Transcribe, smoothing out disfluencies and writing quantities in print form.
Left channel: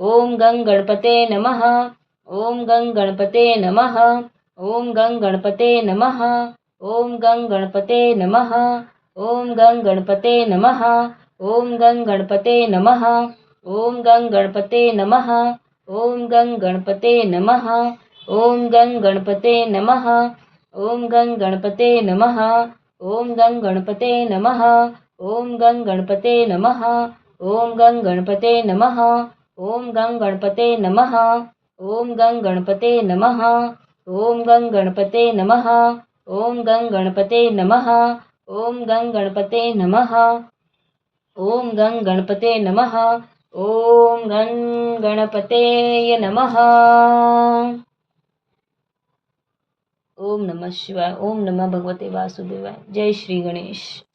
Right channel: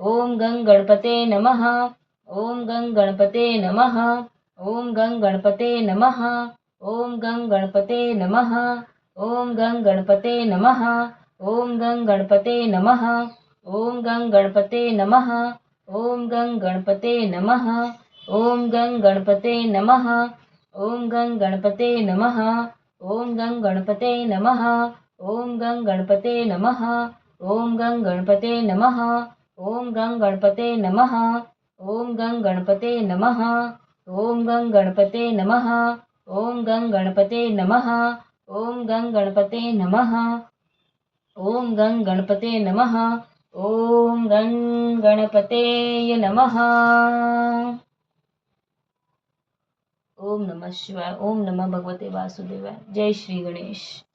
ओम गं गणपते नमः। ओम गं गणपते नमः। ओम गं गणपते नमः। ओम गं गणपते नमः। ओम गं गणपते नमः। ओम गं गणपते नमः। ओम गं गणपते नमः। ओम गं गणपते नमः। ओम गं गणपते नमः। ओम गं गणपते नमः। ओम गं गणपते नमः। ओम गं गणपते नमः। ओम गं गणपते नमः। ओम गं गणपते नमः। ओम गं गणपते नमः। ओम गं गणपते नमः। ओम गं गणपते नमः। ओम गं गणपते नमः। ओम गं गणपते नमः। ओम गं गणपतेय नमः। ओम नमः शिवाय। ओम नमः भगवते वासुदेवाय। जय श्री गणेश।